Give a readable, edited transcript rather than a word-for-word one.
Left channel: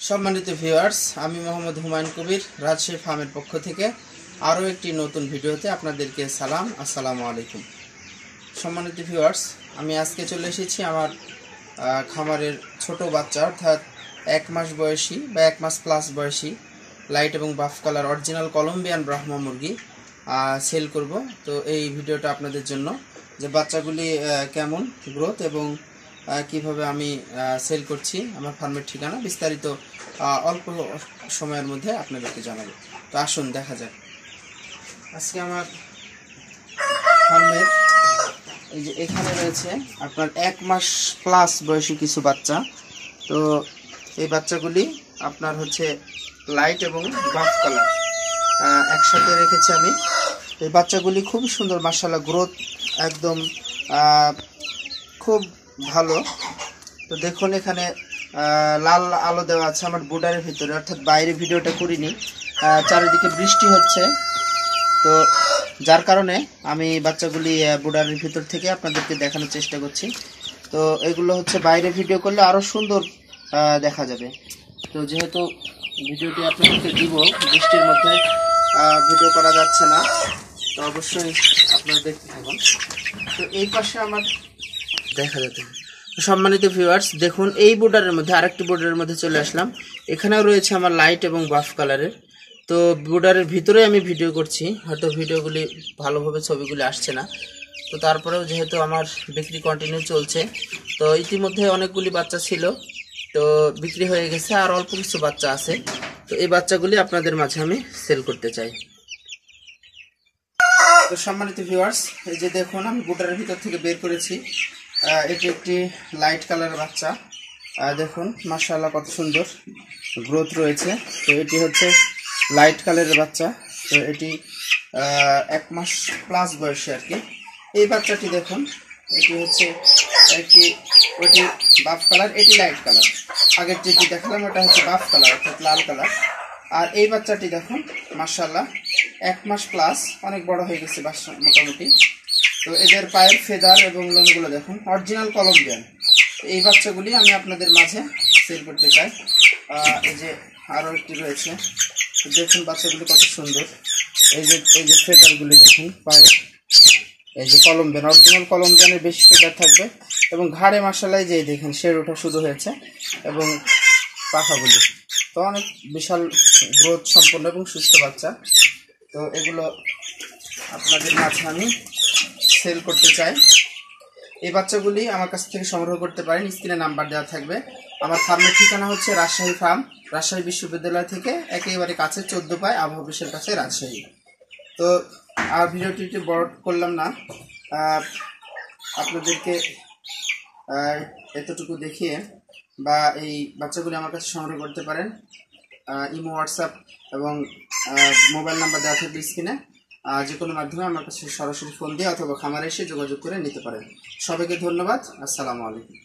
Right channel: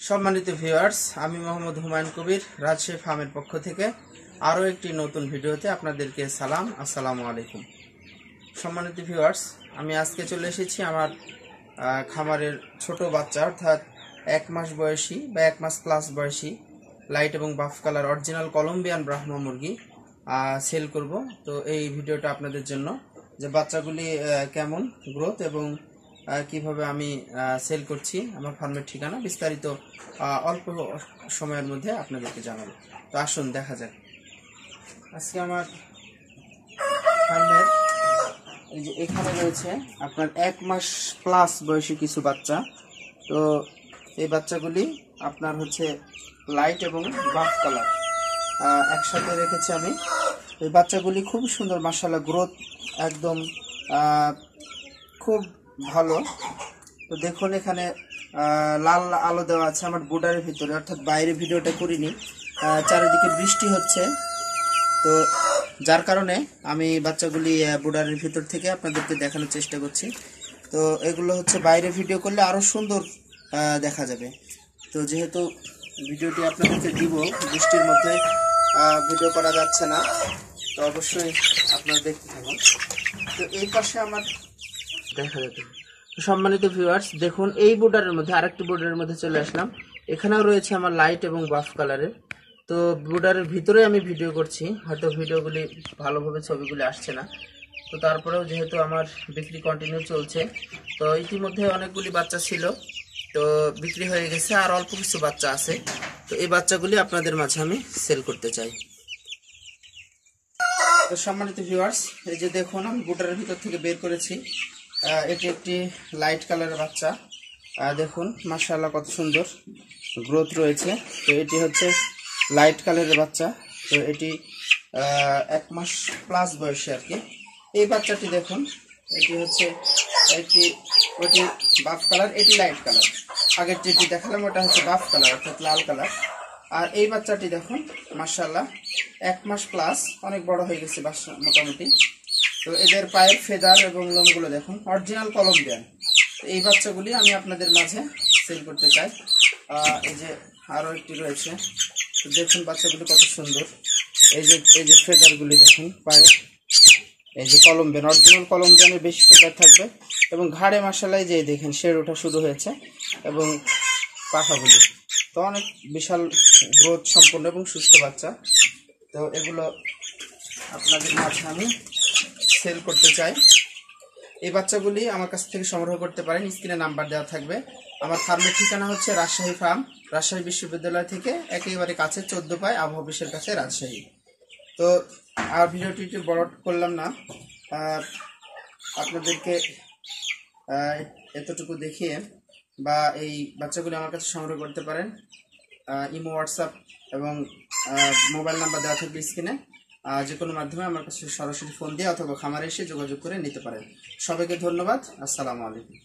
সম্মানিত ভিউয়ার্স, আমি মোহাম্মদ হুমায়ুন কবির রাজশাহী ফার্মের পক্ষ থেকে আরও একটি নতুন ভিডিওতে আপনাদেরকে সালাম। আসসালামু আলাইকুম। সম্মানিত ভিউয়ার্স, আমি আজকে চলে এসেছি আমার খামারের ছোট বাচ্চা অর্থাৎ 1 মাস বয়সী বা 1 মাস প্লাস বয়সী লাইট এবং বাফ কালার অরিজিনাল কলম্বিয়ান ব্রাহ্মা মুরগি সেল করব। তো এই ভিডিওটা আপনাদের জন্য যে বাচ্চাগুলি কেমন গ্রোথ এবং কিভাবে আমি সেল করছি, আমার ফার্মের ঠিকানা বিস্তারিত অল্প সময়ের মধ্যে আপনাদেরকে জানাবো। তো আসুন দেখা যাক। আজকে আমার ফার্মের এই যে এখানে রয়েছে আপনার 1 মাস প্লাস বয়সী কিছু বাচ্চা। তো এই বাচ্চাগুলি আপনার হচ্ছে লাইট এবং বাফ কালার একসাথে রেখেছি আমি। এই বাচ্চাগুলি খুব সুন্দর, মাশাআল্লাহ, গ্রোথ একদম খুব ভালো। তো দেখুন এখানে লাল আলো দেওয়া আছে আমার বোর্ডারের ভিতরে, অর্থাৎ বাইরে ভিডিওটা করিনি, চারিদিকে বৃষ্টি হচ্ছে, তো যার কারণে আমি বাচ্চাগুলি বোর্ডারের ভিতর থেকে আপনাদেরকে দেখানোর চেষ্টা করছি। তো এগুলো হচ্ছে বাইরে ভিডিও করলে আরও সুন্দর দেখা যাবে। তো যেহেতু ভিডিওটি আপনাদেরকে দিব, বৃষ্টির মধ্যে ভিডিও করা যাচ্ছে না, তো অবশ্যই আপনারা দেখতে থাকুন। তো এই পাশে আমার দেখা যাবে। সম্মানিত ভিউয়ার্স, দেখুন এই বোর্ডারের মধ্যে আরেকটি বোর্ডারের মধ্যে চলে আসলাম। এখানেও রয়েছে আমার লাইট এবং বাফ কালারের। তো বোর্ডারের ভিতরে আমি ভিডিও করছি, হয়তো ভিডিওগুলি ভালোভাবে ছবিগুলি আসছে না, তো তারপরেও যেহেতু আমার বিক্রি কন্টিনিউ চলছে, তো ইতিমধ্যে অনেকগুলি বাচ্চা ছিল, তো বিক্রি হয়ে গেছে, আর অল্প কিছু বাচ্চা আছে। তো এই বাচ্চাগুলি আপনাদের মাঝে আমি সেল করতে চাই। তো সম্মানিত ভিউয়ার্স, এই যে দেখুন আমি বোর্ডারের ভিতর থেকে বের করেছি, এটি একটি লাইট কালারের বাচ্চা। দেখুন মাশাআল্লাহ কত সুন্দর গ্রোথ রয়েছে। তো এটি হচ্ছে লাইট কালারের বাচ্চা। তো এটি 1 মাস প্লাস বয়সে আর কি। এই বাচ্চাটি দেখুন, এটি হচ্ছে ওটি বাফ কালার, এটি লাইট কালার। আগের যেটি দেখালাম ওটা হচ্ছে বাফ কালার অর্থাৎ লাল কালার। আর এই বাচ্চাটি দেখুন মাশাআল্লাহ 1 মাস প্লাস, অনেক বড় হয়ে গেছে বাচ্চা মোটামুটি। তো এদের পায়ের ফেদার এবং লোমগুলো দেখুন অরিজিনাল কলম্বিয়ান। এই বাচ্চাগুলি আমি আপনাদের মাঝে সেল করতে চাই। এই যে আরও একটি রয়েছে, তো দেখুন বাচ্চাগুলি কত সুন্দর। এই যে ফেদারগুলি দেখুন পায়ে, এই যে কলম্বিয়ান, অরিজিনাল কলম্বিয়ানের বেশি ফেদার থাকবে এবং ঘাড়ে মাশাআল্লাহ যে দেখেন শের ওঠা শুরু হয়েছে এবং পাখাগুলি, তো অনেক বিশাল গ্রোথ সম্পন্ন এবং সুস্থ বাচ্চা। তো এগুলো আপনাদের মাঝে আমি সেল করতে চাই। এই বাচ্চাগুলি আমার কাছ থেকে সংগ্রহ করতে পারেন, স্ক্রিনে নাম্বার দেওয়া থাকবে। আমার ফার্মের ঠিকানা হচ্ছে রাজশাহী ফার্ম, রাজশাহী বিশ্ববিদ্যালয় থেকে একেবারে কাছে 14 পায় আবহাওয়া অফিসের কাছে রাজশাহী। তো আর ভিডিওটি বড় করলাম না, আপনাদেরকে এতটুকু দেখিয়ে বা এই বাচ্চাগুলি আমার কাছে সংগ্রহ করতে পারেন। ইমো, হোয়াটসঅ্যাপ এবং মোবাইল নাম্বার দেওয়া থাকবে স্ক্রিনে। যে কোনো মাধ্যমে আমার কাছে সরাসরি ফোন দিয়ে অথবা খামারে এসে যোগাযোগ করে নিতে পারেন। সবাইকে ধন্যবাদ। আসসালামু আলাইকুম।